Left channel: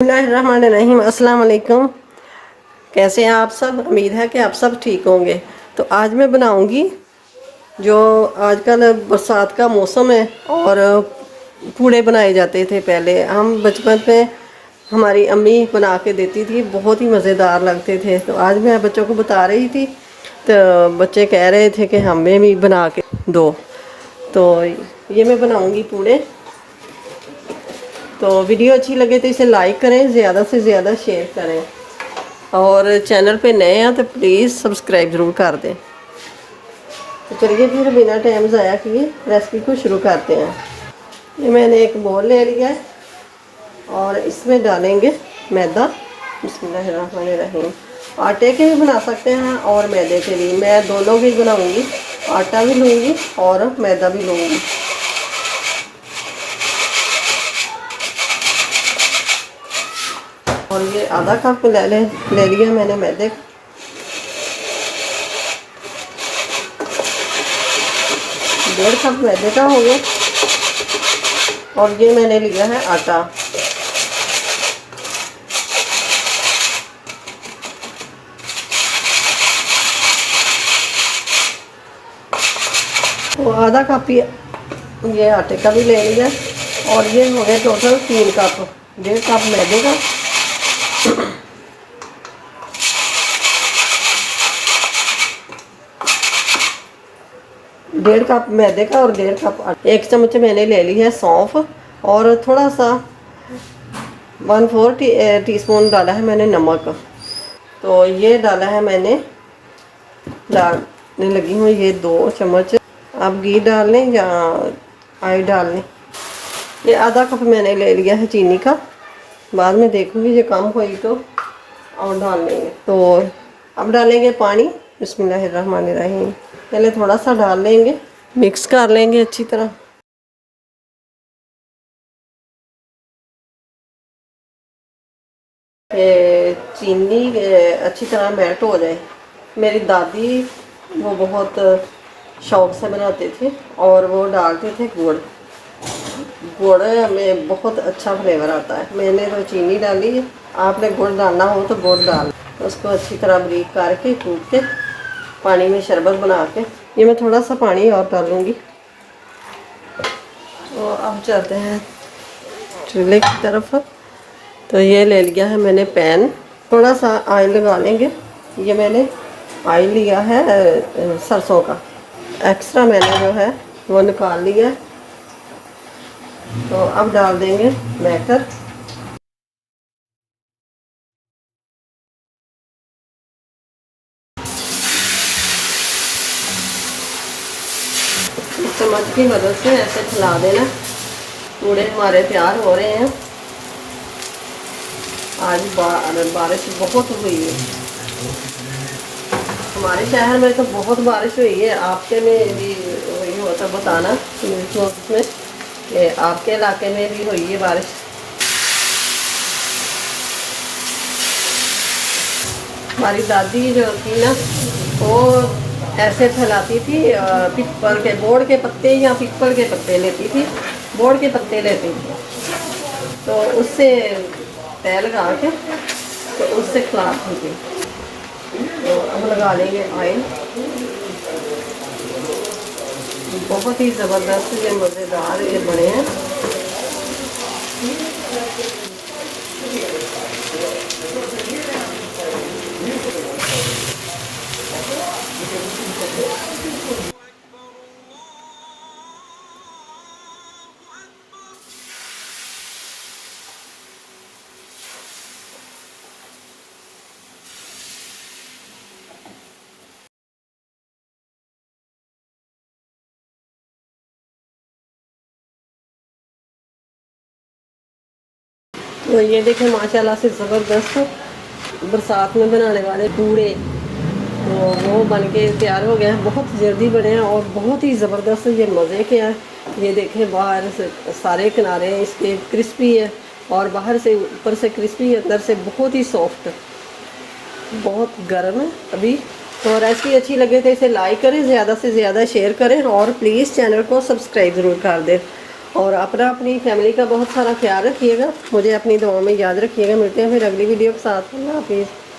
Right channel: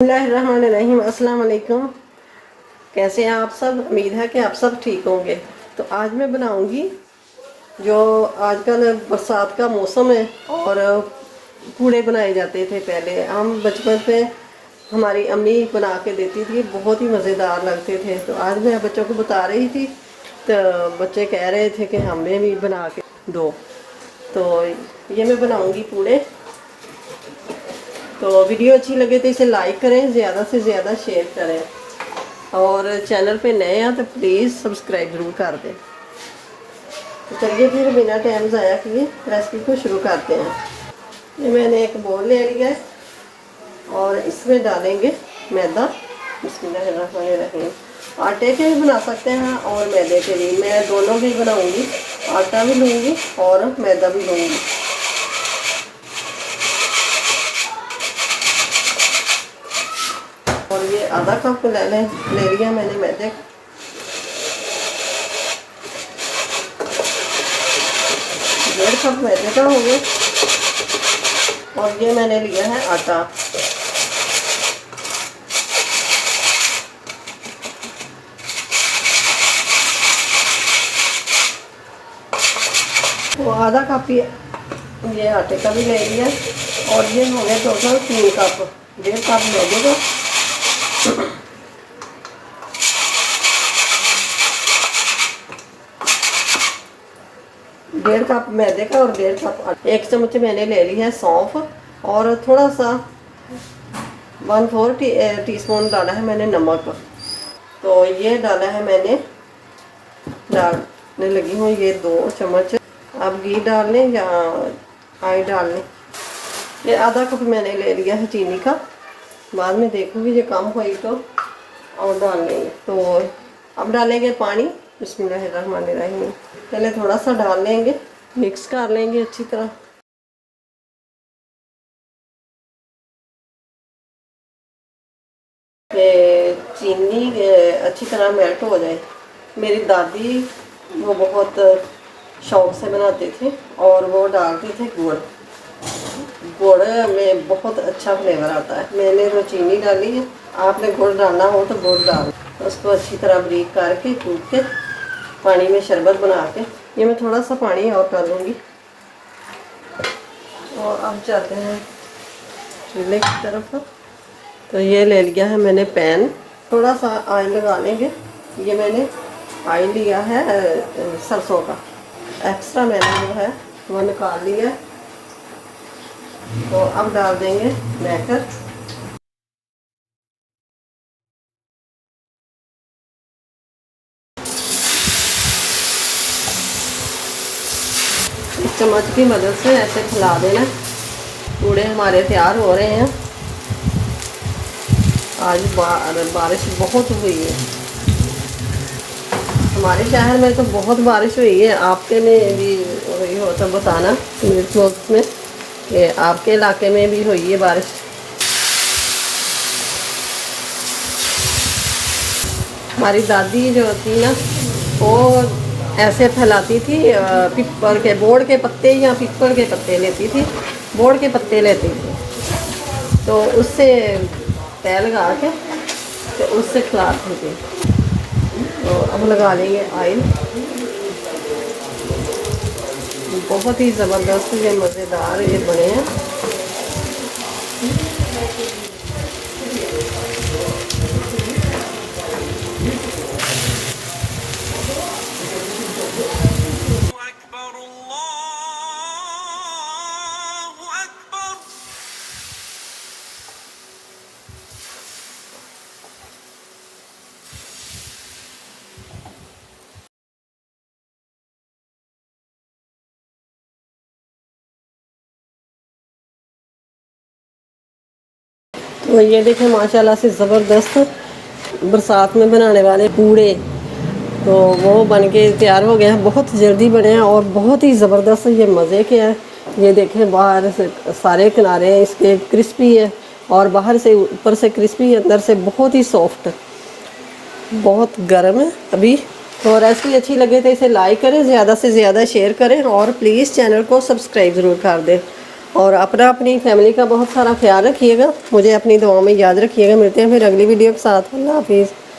बिस्मिल्लाहिर्रहमानिर्रहीम। अस्सलाम वालेकुम। कैसे हैं आप सब? उम्मीद है कि आप सब ठीक होंगे। तो आज मैं बनाऊंगी जो आजकल बरसात का मौसम है और पूड़े बनाए जाते थे। पहले हम बचपन में हमारी अम्मी बना के देती थी, बहुत ही मज़ेदार लगते थे। तो आज मैं बच्चों को बता रही थी तो बच्चे कह रहे थे कि हमें भी बना के दो। तो ये मैं बनाऊंगी पूड़े। तो वीडियो अच्छी लगे तो इसे लाइक करें, ज़्यादा से ज़्यादा शेयर करें और चैनल पे नए हैं तो प्लीज़ सब्सक्राइब ज़रूर कर दें। तो चलिए फिर बिना टाइम ज़ाया किए रेसिपी को शुरू करते हैं। ये मैंने एक बोल ले लिया है और इसमें डालेंगे मैदा। बिस्मिल्लाहिर्रहमानिर्रहीम। आटे के भी बना सकते हैं और मैदे के भी, मैं दोनों भी बनाऊंगी। आटा भी लूँगी और मैदा भी लूँगी। और ये आधा कप ले लिया मैंने मैदे। डेढ़ कप मैदे का हो गया। और ये मैंने लिया है आटा। तो आधा कप ये आटे का भी ले लिया और ये हो गया टोटल 3 कप। डेढ़ कप मैदे का, डेढ़ कप मैदे का और डेढ़ कप 1 चम्मच मैंने ले ली है सौंफ और थोड़ा सा 1/4 टीस्पून डाला है मैंने नमक। तो ये डाला है मैंने, डालने लगी हूँ ये 2 चम्मच। आप घी डाल लें या आई डाल लें। ये आधा कप मैंने ले लिया है चीनी का, बाद में देखूँगी ये कम हुई तो और डाल लेंगे। तो अब डालेंगे पानी। बिस्मिल्लाहिर्रहमानिर्रहीम। पहले थोड़ा सा डाल लेंगे, मिक्स कर लेंगे अच्छी तरह। चीनी अच्छी तरह मेल्ट हो जाए। मेरी दादी वो बहुत शौक से बनाते थे और वो डालते थे गुड़। गुड़ में बहुत अच्छा फ्लेवर आता है। मैंने तो चीनी डाली है, आपने गुड़ डालना हो तो गुड़ डाल। उसको अच्छी तरह ब्रीक करके कूट के पानी में शरबत बना के, ये मैं थोड़ा सा पानी और डालूंगी। और अब चलते हैं चूल्हे की तरफ। तो ये ले लिया है मैंने पैन, थोड़ा सा ऑयल लगा लेंगे। ये मैंने ऑयल लिया है सरसों का, एक्स्ट्रा मैंने जो है वो निकाल लिया। तो अब डाल देंगे बैटर। इस चम्मच की मदद से ऐसे फैला देना। पूड़े हमारे तैयार हो रहे हैं। आज बारिश बहुत हुई है हमारे शहर में, तो बहुत बारिश हुई है। आपके में भी हुई हो तो बताना में कि आपके इलाके में भी हुई है बारिश। हमारी दादी जो थी ना, वो ऐसे फैलाती थी। पीपल के बोर्ड के पत्ते या पीपल के पत्ते लेती थी, बोर्ड के पत्ते लेती थी। तो उससे तय लगा के तो उससे खिलाती थी। तो हम लगा लेंगे ऑयल। बहुत ही ज़बरदस्त ये मज़ेदार ये बने हैं। तो ये देखें माशाल्लाह से ज़बरदस्त बरसात में बनाने वाले पूड़े, तो वो बन के तैयार हो गए हैं। बहुत जल्दी बने हैं और बहुत ही ज़बरदस्त ये मज़े के हैं। ये देखें बाहर से सारे किनारे इसके क्रिस्पी है और बाहर से ऊपर से क्रिस्पी, अंदर से बहुत ही सॉफ्ट, बहुत गर्म है अभी। तो रेसिपी अच्छी लगे तो इसे लाइक करें, ज़्यादा से ज़्यादा शेयर करें और प्लीज़ चैनल को सब्सक्राइब ज़रूर कर दें। और अपना अपनी फैमिली का बहुत सारा ख्याल रखिएगा, मुझे अपनी दुआओं में याद रखिएगा। मिलते हैं फिर अगली वीडियो के साथ। अल्लाह हाफिज़।